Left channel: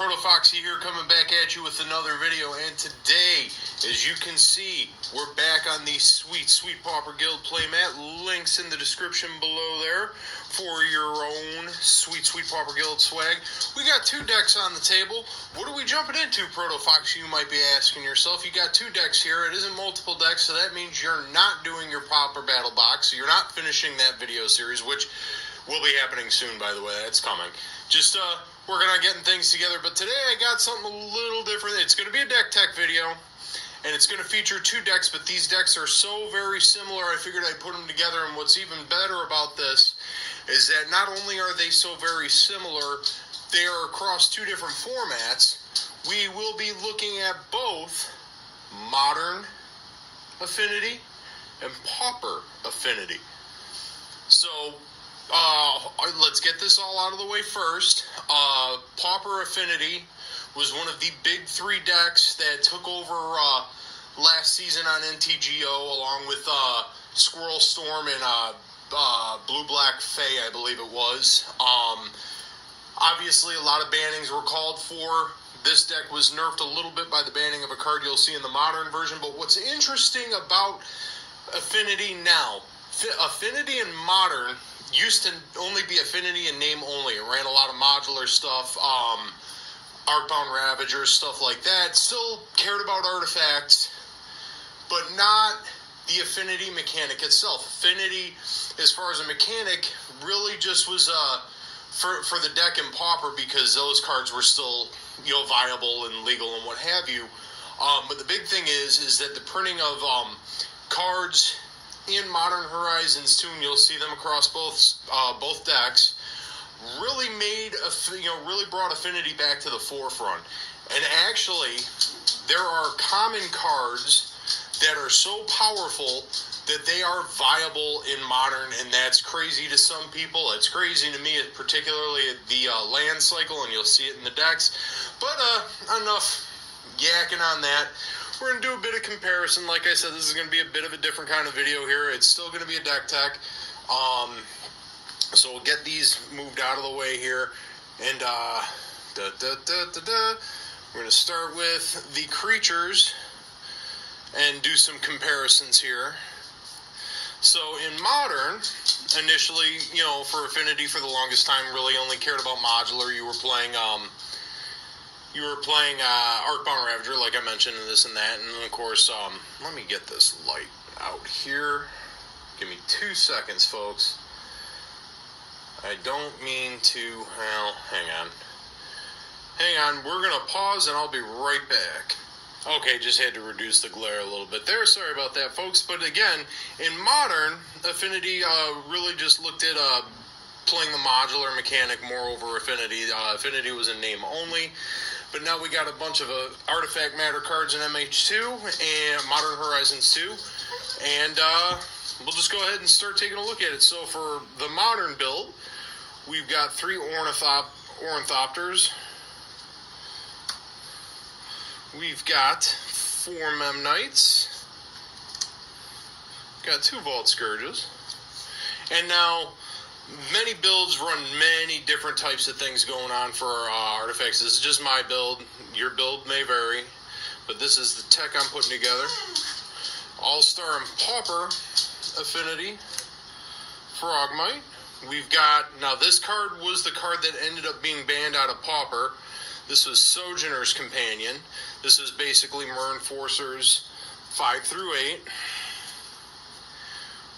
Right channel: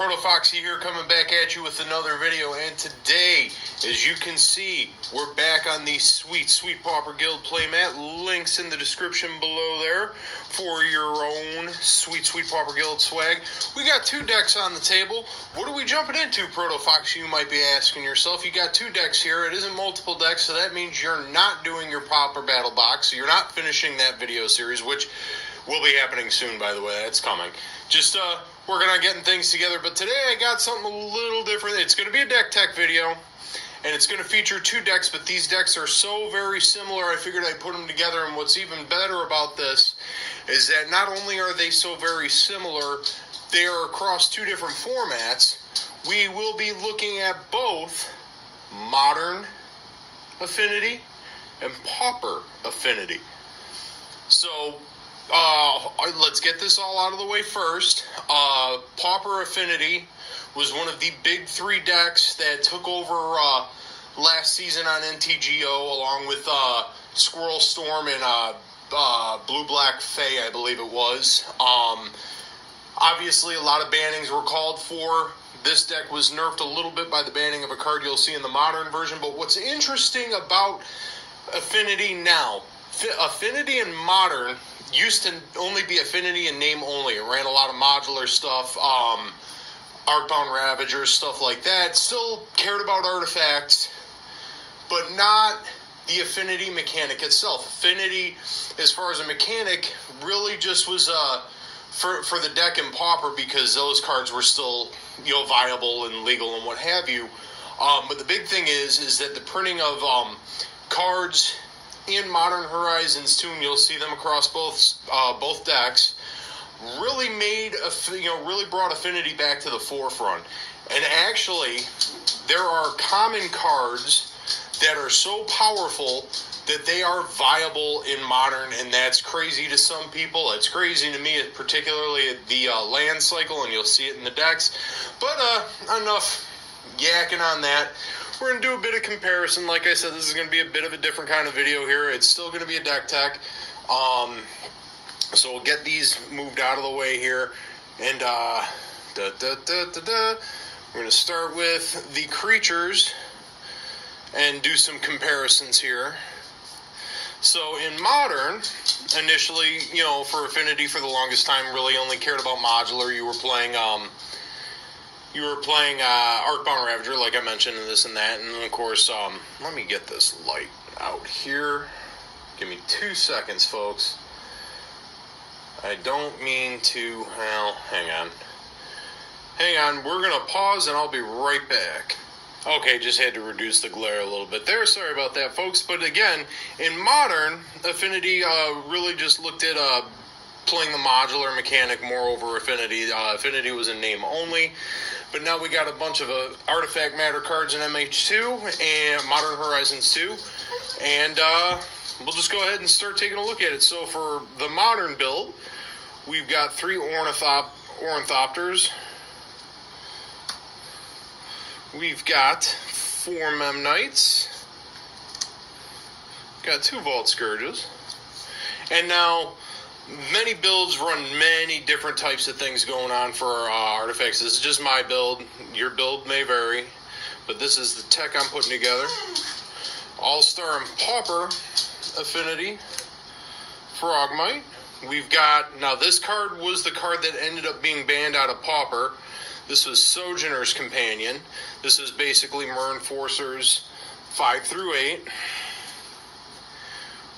ProtoFoxy here, coming back at you with another video, and today, as you can see, we're back on the sweet Pauper Guild playmat. Links in the description below there for your own sweet Pauper Guild swag. We got two decks on the table. What are we jumping into, ProtoFoxy, you might be asking yourself? You got two decks here. It isn't multiple decks, so that means you're not doing your Pauper Battle Box, so you're not finishing that video series, which will be happening soon, by the way. That's coming. Just working on getting things together, but today I got something a little different. It's going to be a deck tech video, and it's going to feature two decks, but these decks are so very similar, I figured I'd put them together. And what's even better about this is that not only are they so very similar, they are across two different formats. We will be looking at both Modern Affinity and Pauper Affinity. So let's get this all out of the way first. Pauper Affinity was one of the big three decks that took over last season on NTGO, along with Squirrel Storm and Blue Black Fae, I believe it was. Obviously, a lot of bannings were called for. This deck was nerfed a little bit by the banning of a card you'll see in the Modern version. But what's interesting about Affinity now, Affinity and Modern used to only be Affinity in name only. It ran a lot of modular stuff, Arcbound Ravagers, stuff like that. Still cared about artifacts, but not the Affinity mechanic itself. Affinity, as far as a mechanic, really just was for the deck in Pauper, because those cards were still, viable and legal and what have you. But the big thing is that the printing of cards in Modern Horizons 2, and you'll see them across both decks, really really brought Affinity back to the forefront. And actually, there are common cards that are so powerful that they are viable in Modern, and that's crazy to some people. It's crazy to me, particularly the land cycle, and you'll see it in the decks. But enough yakking on that. We're going to do a bit of comparison. Like I said, this is going to be a bit of a different kind of video here. It's still going to be a deck tech. So we'll get these moved out of the way here. And we're going to start with the creatures and do some comparisons here. So in Modern, initially, for Affinity for the longest time, really only cared about modular. You were playing Arcbound Ravager, like I mentioned, and this and that. And, of course, let me get this light out here. Give me 2 seconds, folks. I don't mean to... Well, hang on. Hang on. We're going to pause, and I'll be right back. Okay, just had to reduce the glare a little bit there. Sorry about that, folks. But, again, in Modern, Affinity really just looked at playing the modular mechanic more over Affinity. Affinity was in name only. But now we got a bunch of artifact matter cards in MH2 and Modern Horizons 2. And we'll just go ahead and start taking a look at it. So for the Modern build, we've got 3 Ornithopters. We've got 4 Memnites. Got 2 Vault Scourges. And now, many builds run many different types of things going on for artifacts. This is just my build. Your build may vary, but this is the tech I'm putting together. All-Star and Pauper Affinity Frogmite. We've got, now this card was the card that ended up being banned out of Pauper. This was Sojourner's Companion. This is basically Mer Enforcers 5 through 8.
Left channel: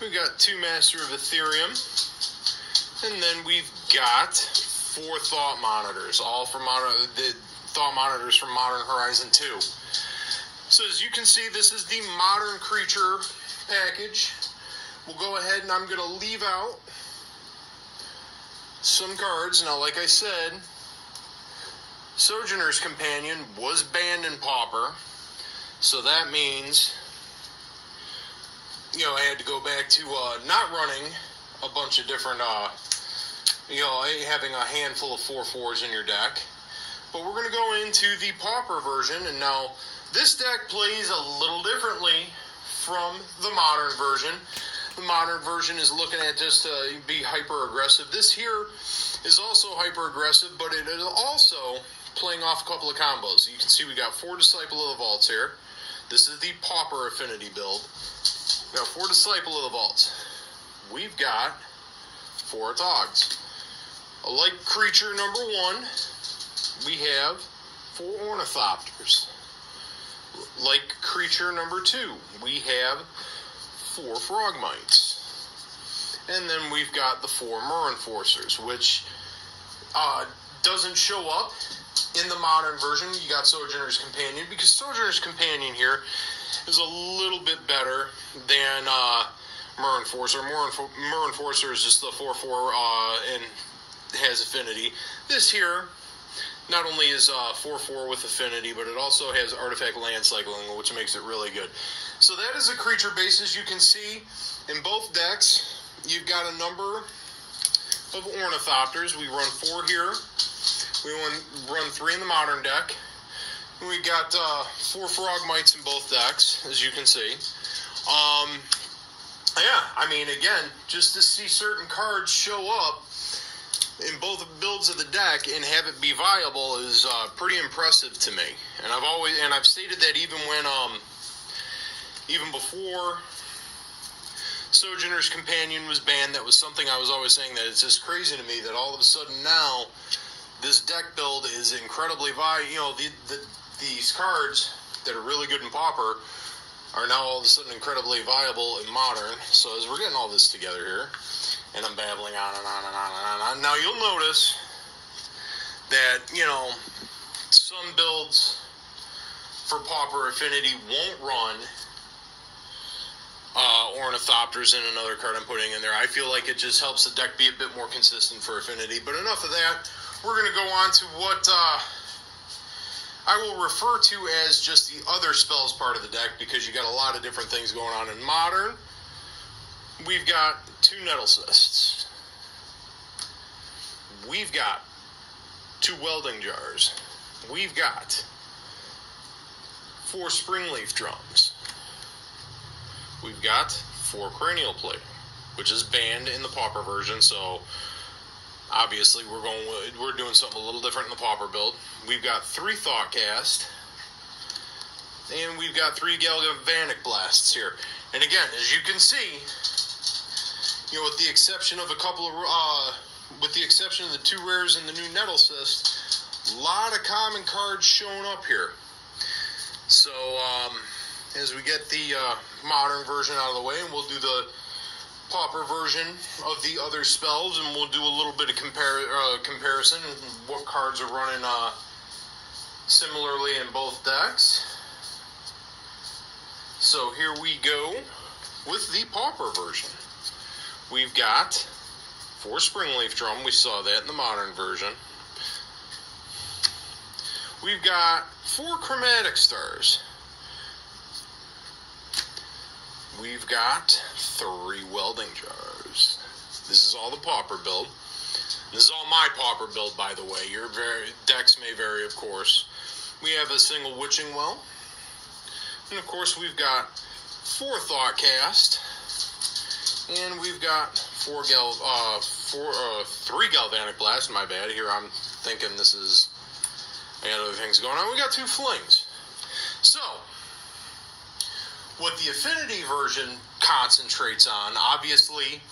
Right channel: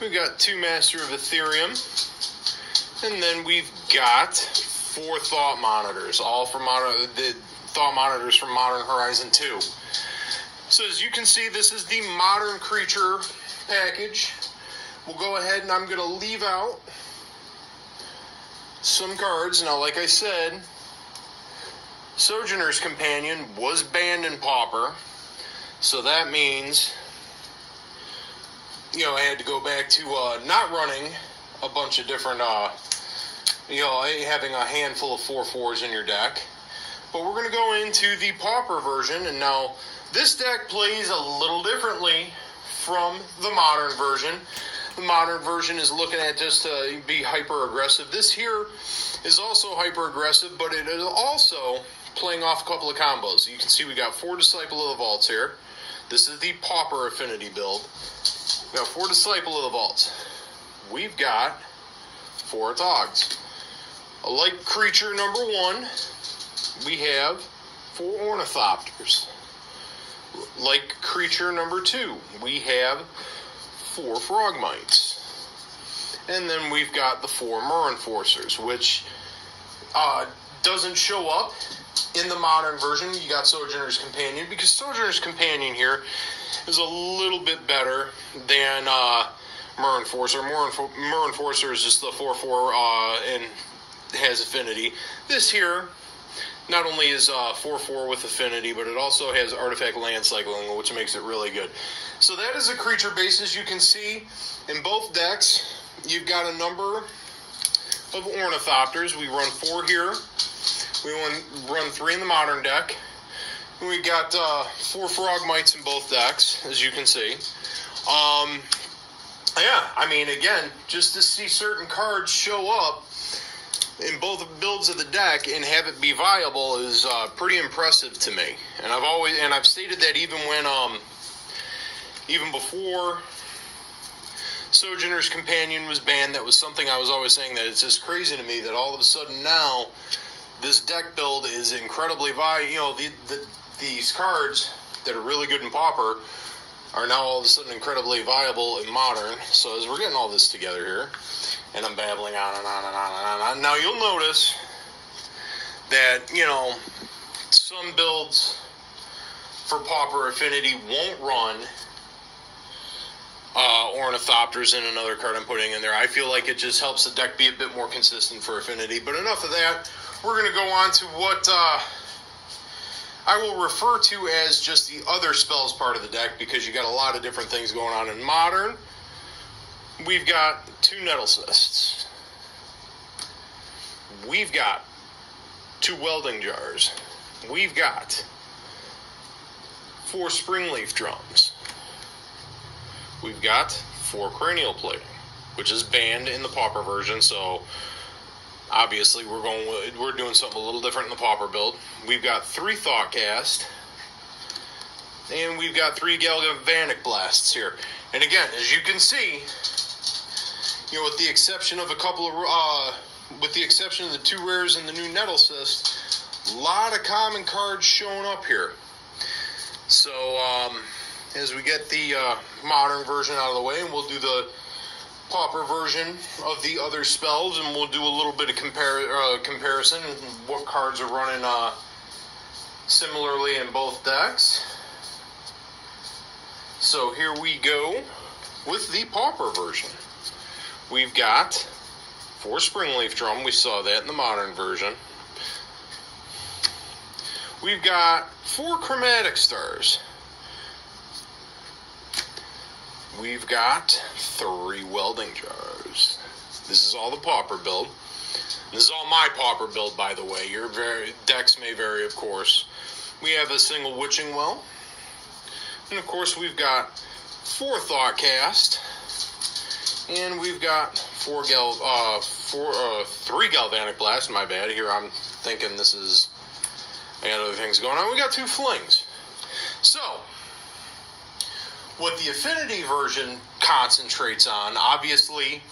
We've got 2 Master of Ethereum. And then we've got 4 Thought Monitors, all from the Thought Monitors from Modern Horizon 2. So as you can see, this is the Modern Creature package. We'll go ahead and I'm going to leave out some cards. Now, like I said, Sojourner's Companion was banned in Pauper, so that means, I had to go back to not running a bunch of different, having a handful of 4/4s in your deck. But we're going to go into the Pauper version, and now this deck plays a little differently from the Modern version. The Modern version is looking at just to be hyper aggressive. This here is also hyper aggressive, but it is also playing off a couple of combos. You can see we got 4 Disciple of the Vaults here. This is the Pauper Affinity build. Now 4 Disciple of the Vaults. We've got 4 Dogs. Like creature number 1, we have 4 Ornithopters. Like creature number 2, we have 4 Frogmites. And then we've got the 4 Mer Enforcers, which doesn't show up in the modern version. You got Sojourner's Companion, because Sojourner's Companion here is a little bit better than Mer Enforcer. Mer Enforcer is just the 4/4 and has affinity. This here not only is 4/4 with affinity, but it also has artifact land cycling, which makes it really good. So that is a creature base. As you can see in both decks, you've got a number of Ornithopters. We run 4 here. We run 3 in the modern deck. And we got 4 Frogmites in both decks, as you can see. Yeah, I mean, again, just to see certain cards show up in both builds of the deck and have it be viable is pretty impressive to me. And I've stated that even when even before Sojourner's Companion was banned, that was something I was always saying, that it's just crazy to me that all of a sudden now this deck build is incredibly viable. You know, these cards that are really good in Pauper are now all of a sudden incredibly viable in Modern. So as we're getting all this together here, and I'm babbling on and on and on and on. Now you'll notice that, you know, some builds for Pauper Affinity won't run Ornithopters in another card I'm putting in there. I feel like it just helps the deck be a bit more consistent for Affinity. But enough of that. We're going to go on to what I will refer to as just the other spells part of the deck, because you got a lot of different things going on in Modern. We've got 2 Nettle Cysts. We've got 2 Welding Jars. We've got 4 Springleaf Drums. We've got 4 Cranial Plating, which is banned in the Pauper version, so obviously we're doing something a little different in the Pauper build. We've got 3 Thoughtcast, and we've got 3 Galvanic Blasts here. And again, as you can see, you know, with the exception of a couple of with the exception of the 2 rares and the new Nettle Cyst, a lot of common cards showing up here. So as we get the modern version out of the way, and we'll do the Pauper version of the other spells, and we'll do a little bit of comparison, what cards are running similarly in both decks. So here we go with the Pauper version. We've got 4 Springleaf Drum. We saw that in the modern version. We've got 4 Chromatic Stars. We've got 3 Welding Jars. This is all the Pauper build. This is all my Pauper build, by the way. Your decks may vary, of course. We have a single Witching Well. And, of course, we've got 4 Thoughtcast. And we've got 3 Galvanic Blasts. My bad. Here I'm thinking I got other things going on. We got 2 Flings. So what the Affinity version concentrates on, obviously,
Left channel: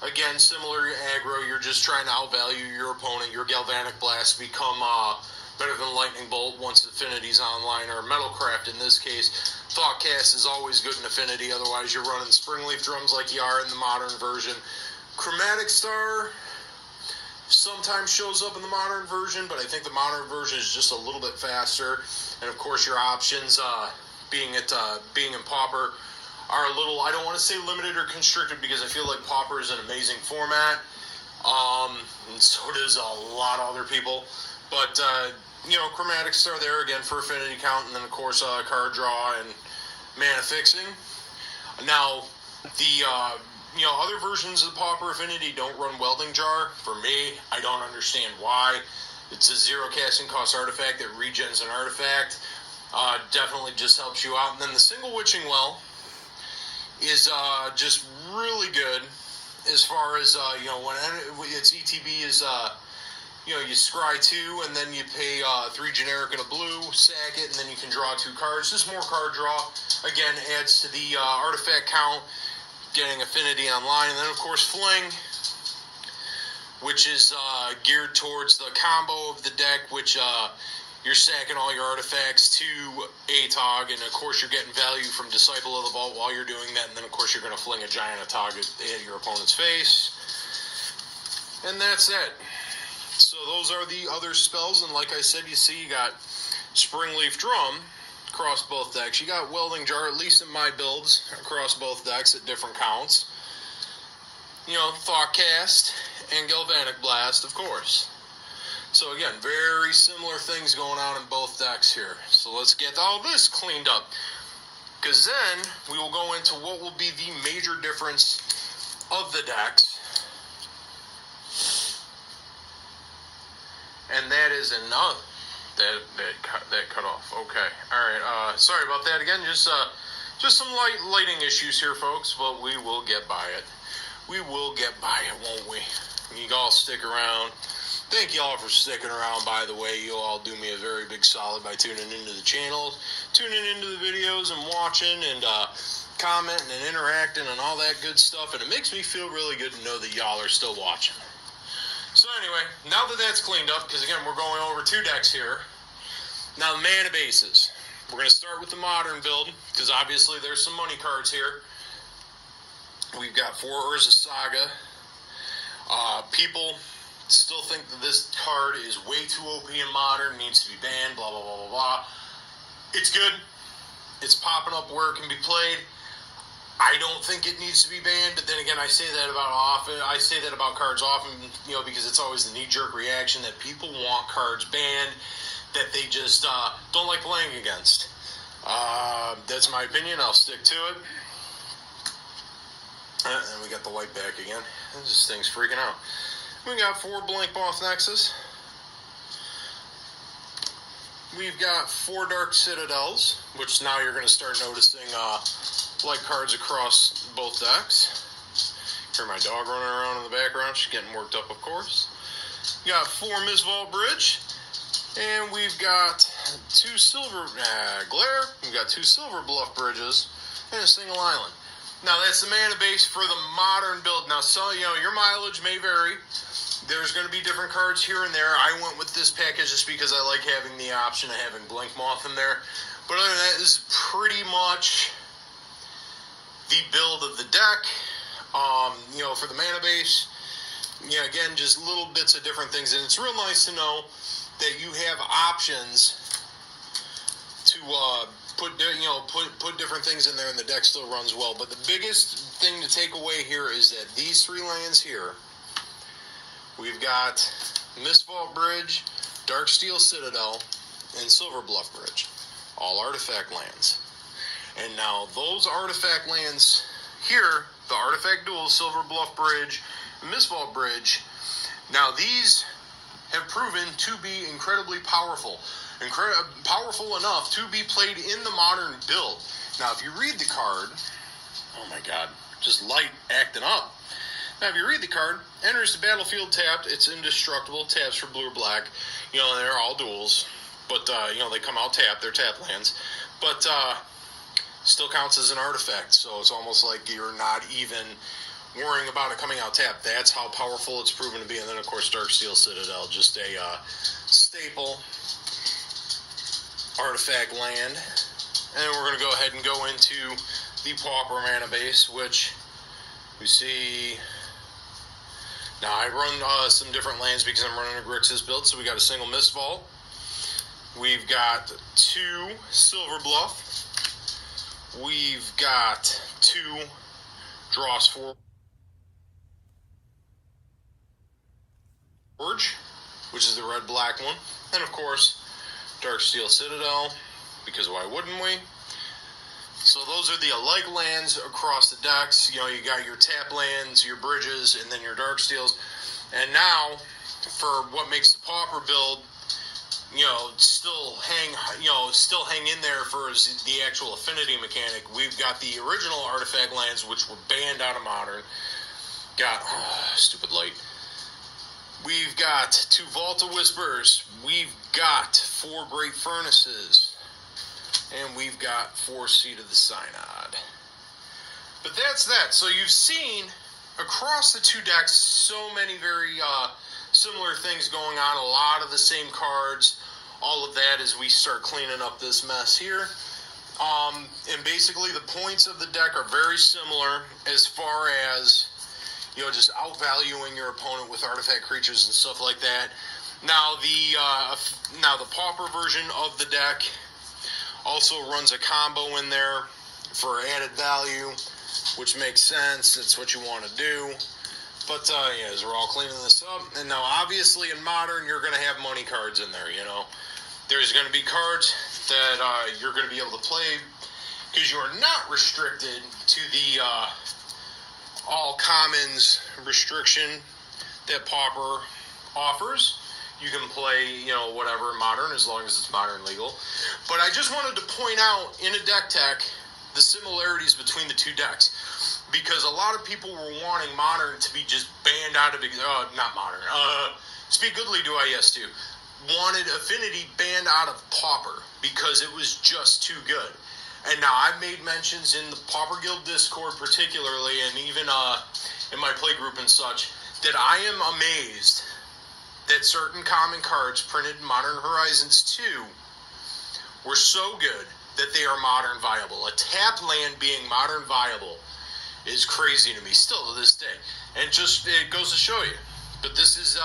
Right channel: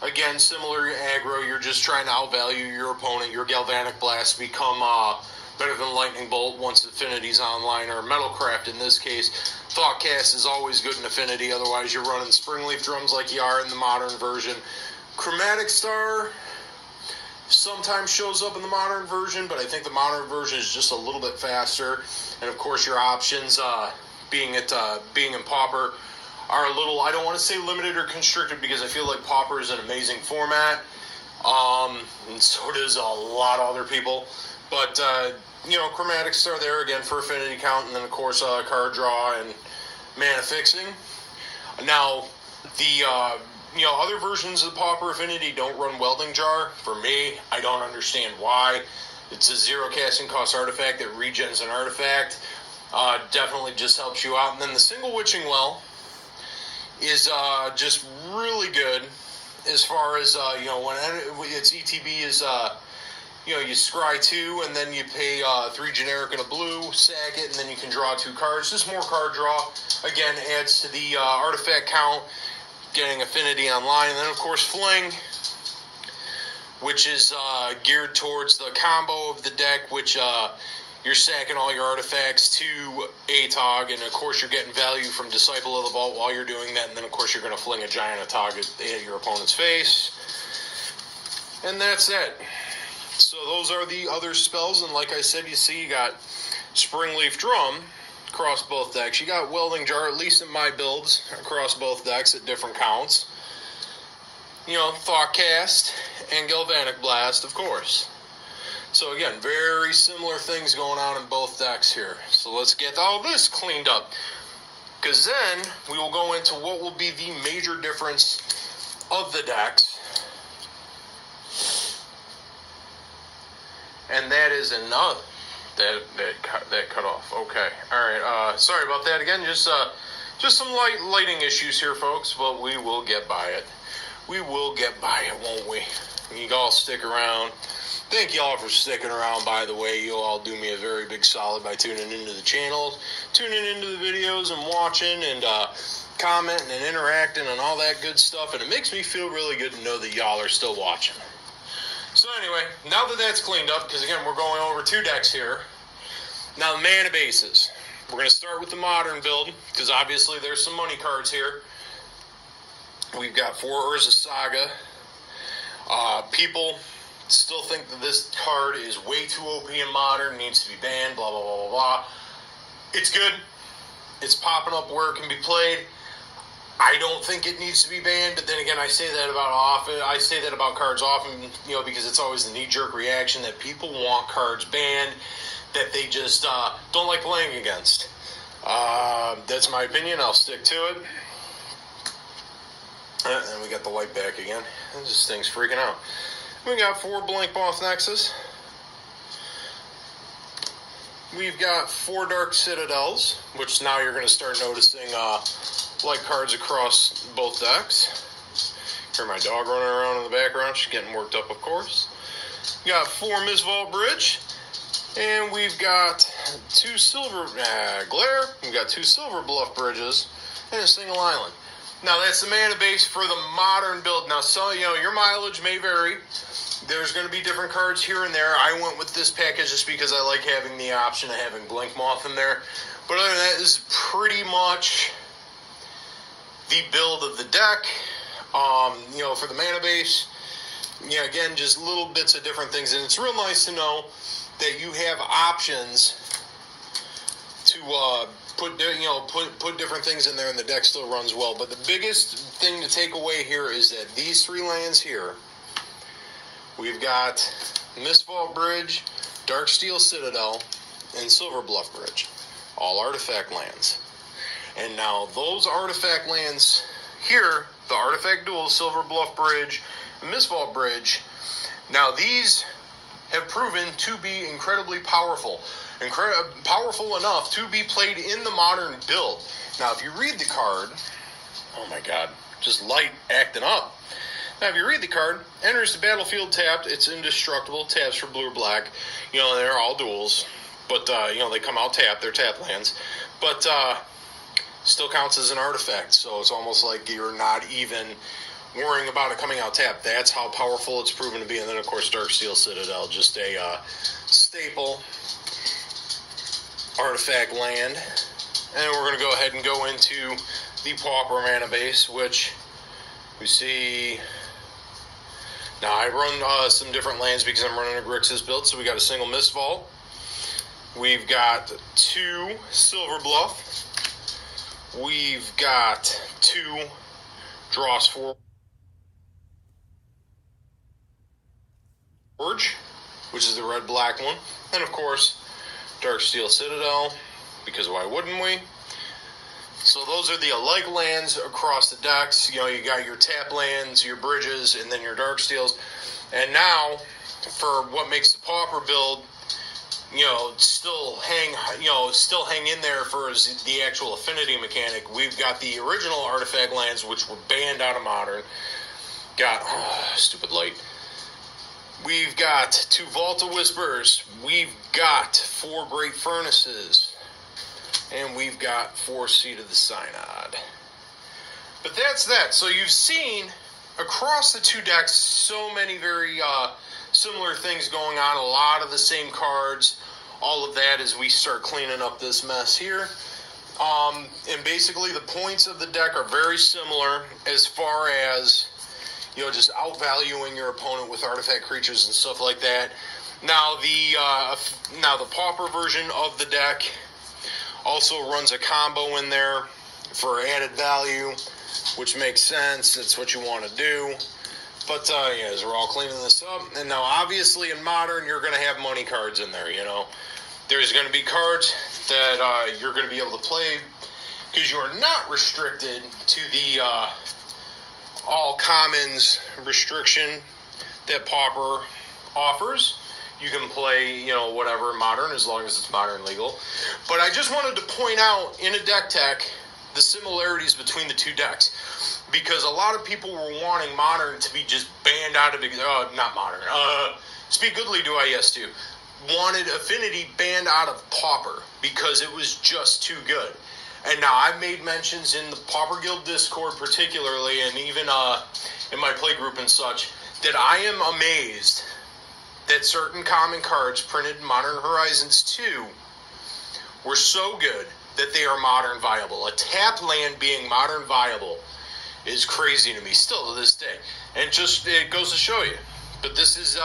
again, similar to aggro, you're just trying to outvalue your opponent. Your Galvanic Blasts become better than Lightning Bolt once Affinity's online, or Metalcraft in this case. Thoughtcast is always good in Affinity, otherwise you're running Springleaf Drums like you are in the modern version. Chromatic Star sometimes shows up in the modern version, but I think the modern version is just a little bit faster. And of course your options, being in Pauper, are a little, I don't want to say limited or constricted, because I feel like Pauper is an amazing format, and so does a lot of other people. But you know, Chromatic Star there again for Affinity count, and then of course card draw and mana fixing. Now the other versions of the Pauper Affinity don't run Welding Jar. For me, I don't understand why. It's a 0 casting cost artifact that regens an artifact. Definitely just helps you out. And then the single Witching Well is just really good as far as when its ETB is you scry 2, and then you pay 3 generic and a blue, sack it, and then you can draw 2 cards. Just more card draw. Again, adds to the artifact count, getting affinity online. And then, of course, Fling, which is geared towards the combo of the deck, which you're sacking all your artifacts to ATOG, and, of course, you're getting value from Disciple of the Vault while you're doing that. And then, of course, you're going to fling a giant ATOG at your opponent's face. And that's it. So those are the other spells, and like I said, you see you got Springleaf Drum across both decks. You got Welding Jar, at least in my builds, across both decks at different counts. Thoughtcast and Galvanic Blast, of course. So again, very similar things going on in both decks here. So let's get all this cleaned up, because then we will go into what will be the major difference of the decks. And that is another that cut off. Okay, all right. Sorry about that again. Just some lighting issues here, folks. But we will get by it. We will get by it, won't we? You all stick around. Thank you all for sticking around. By the way, you all do me a very big solid by tuning into the channel, tuning into the videos, and watching and commenting and interacting and all that good stuff. And it makes me feel really good to know that y'all are still watching. So anyway, now that that's cleaned up, because again, we're going over 2 decks here. Now, the mana bases. We're going to start with the modern build, because obviously there's some money cards here. We've got 4 Urza Saga. People still think that this card is way too OP in modern, needs to be banned, blah, blah, blah, blah, blah. It's good. It's popping up where it can be played. I don't think it needs to be banned, but then again, I say that about cards often, because it's always the knee-jerk reaction that people want cards banned that they just don't like playing against. That's my opinion. I'll stick to it. And we got the light back again. This thing's freaking out. We got 4 Blank Moth Nexus. We've got 4 Dark Citadels, which now you're going to start noticing light cards across both decks. Hear my dog running around in the background. She's getting worked up, of course. We got 4 Mistvault Bridge. And we've got 2 Silver Glare. We've got 2 Silver Bluff Bridges and a single island. Now, that's the mana base for the modern build. Now, so, your mileage may vary. There's going to be different cards here and there. I went with this package just because I like having the option of having Blink Moth in there. But other than that, this is pretty much the build of the deck. For the mana base, again, just little bits of different things. And it's real nice to know that you have options to put different things in there, and the deck still runs well. But the biggest thing to take away here is that these 3 lands here, we've got Mistvault Bridge, Darksteel Citadel, and Silver Bluff Bridge, all artifact lands. And now those artifact lands here, the artifact duel, Silver Bluff Bridge, and Mistvault Bridge, now these have proven to be incredibly powerful. Powerful enough to be played in the modern build. Now, if you read the card, oh my god, just light acting up. Now, if you read the card, enters the battlefield tapped, it's indestructible, taps for blue or black. They're all duels, but, they come out tapped, they're tap lands. But, still counts as an artifact, so it's almost like you're not even worrying about it coming out tapped. That's how powerful it's proven to be. And then, of course, Darksteel Citadel, just a staple artifact land. And we're going to go ahead and go into the Pauper mana base, which we see. Now, I run some different lands because I'm running a Grixis build, so we got a single Mistvault. We've got 2 Silver Bluff. We've got 2 Dross Forge, which is the red-black one. And, of course, Darksteel Citadel, because why wouldn't we? So those are the alike lands across the decks. You got your tap lands, your bridges, and then your Darksteels. And now, for what makes the Pauper build, still hang in there for the actual affinity mechanic, we've got the original artifact lands, which were banned out of modern. Got, stupid light. We've got 2 Volta Whispers. We've got 4 Great Furnaces. And we've got 4 Seed of the Synod. But that's that. So you've seen across the 2 decks so many very similar things going on. A lot of the same cards. All of that as we start cleaning up this mess here. And basically the points of the deck are very similar as far as, just outvaluing your opponent with artifact creatures and stuff like that. Now the Pauper version of the deck also runs a combo in there for added value, which makes sense. That's what you want to do. But as we're all cleaning this up, and now obviously in Modern you're going to have money cards in there. There's going to be cards that you're going to be able to play because you're not restricted to the all commons restriction that Pauper offers. You can play, whatever Modern as long as it's Modern legal. But I just wanted to point out in a deck tech the similarities between the 2 decks, because a lot of people were wanting Modern to be just banned out of not Modern. Speak Goodly do I yes to. Wanted Affinity banned out of Pauper because it was just too good. And now I've made mentions in the Pauper Guild Discord particularly, and even in my play group and such, that I am amazed that certain common cards printed in Modern Horizons 2 were so good that they are Modern viable. A tap land being Modern viable is crazy to me still to this day. And it goes to show you. But this is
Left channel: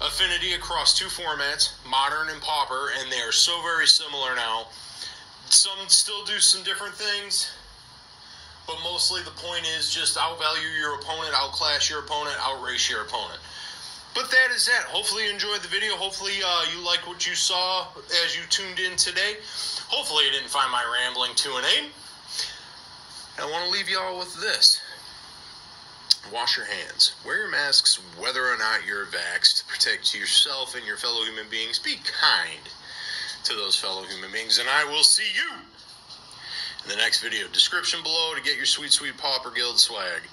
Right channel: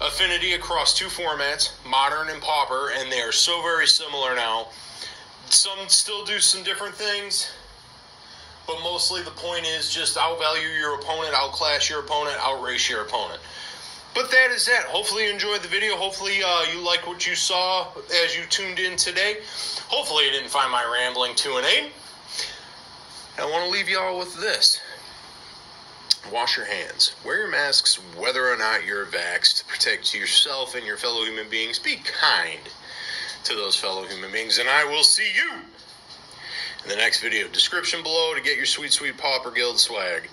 Affinity across 2 formats, Modern and Pauper, and they are so very similar now. Some still do some different things, but mostly the point is just outvalue your opponent, outclass your opponent, outrace your opponent. But that is that. Hopefully you enjoyed the video. Hopefully you like what you saw as you tuned in today. Hopefully you didn't find my rambling too inane. I want to leave you all with this. Wash your hands. Wear your masks whether or not you're vaxxed to protect yourself and your fellow human beings. Be kind to those fellow human beings, and I will see you in the next video. Description below to get your sweet, sweet Pauper Guild swag.